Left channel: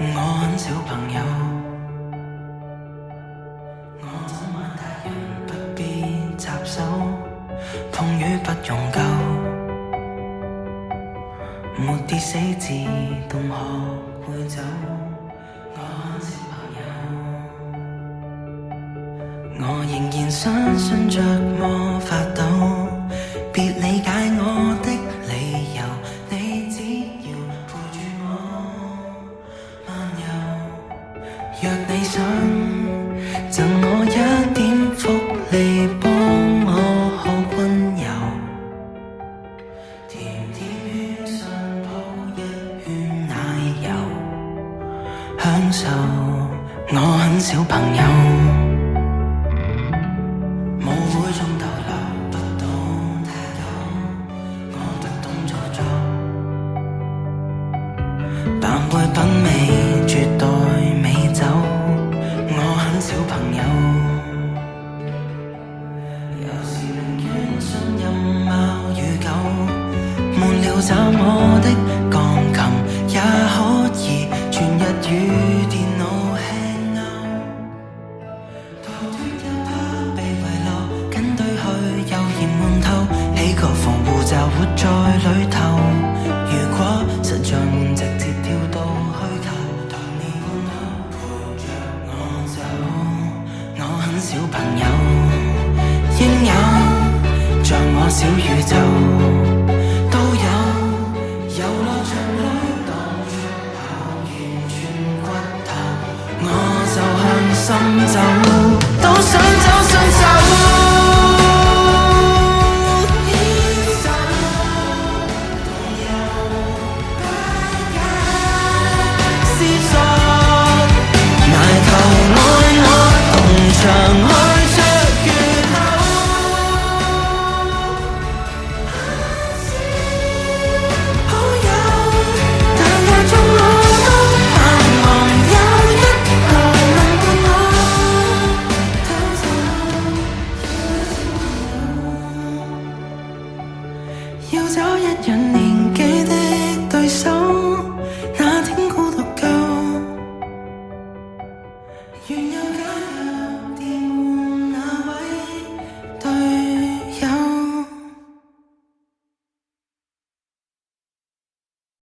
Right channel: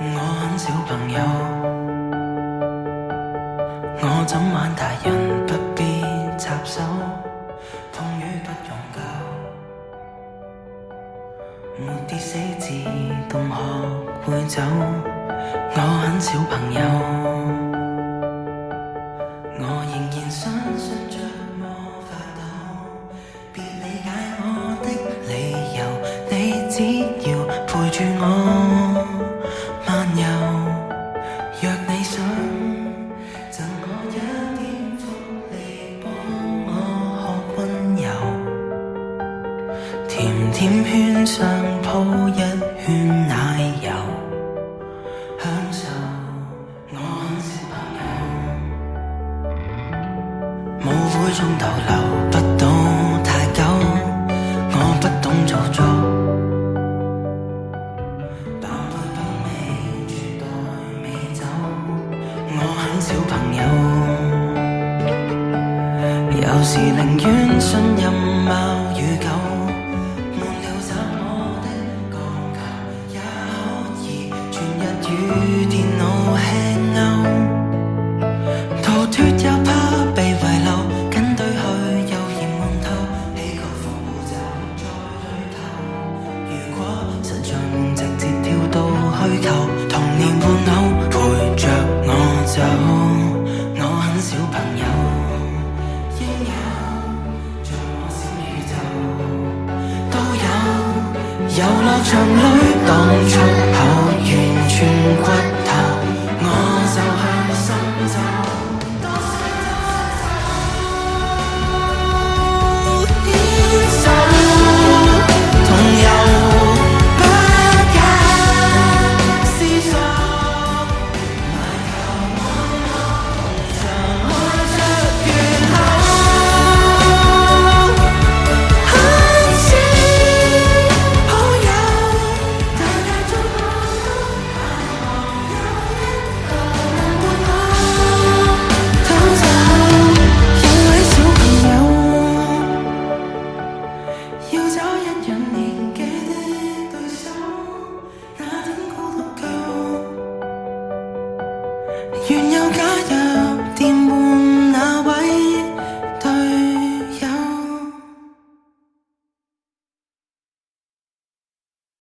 我很小朋友，我怎玩大人不必插手，碰雨不用救，沒跌死自動學會走。我很小朋友，我仍然相信着魔法豆，別理解我的理由，你只要陪住我漫遊。若你想贈我一點福利，幫我學溫柔，甜甜圈上鋪一圈奶油，享受。我很小朋友，舞會中逗留不到太久，我不懂做作，扮會品味絕代美酒。我很小朋友，有時寧願信任貓與狗，悶了找我的鋼琴，也可以全日與電腦 hang out， 逃脫又怕被遺留，跟隊去又嫌悶透，起個防護罩活在裏頭。如果實在悶，直接跳到虛構，童年玩偶陪着我走。我很小朋友，應有像我小宇宙都有，遊樂場裏當出口，完全骨頭，我就向心走，都想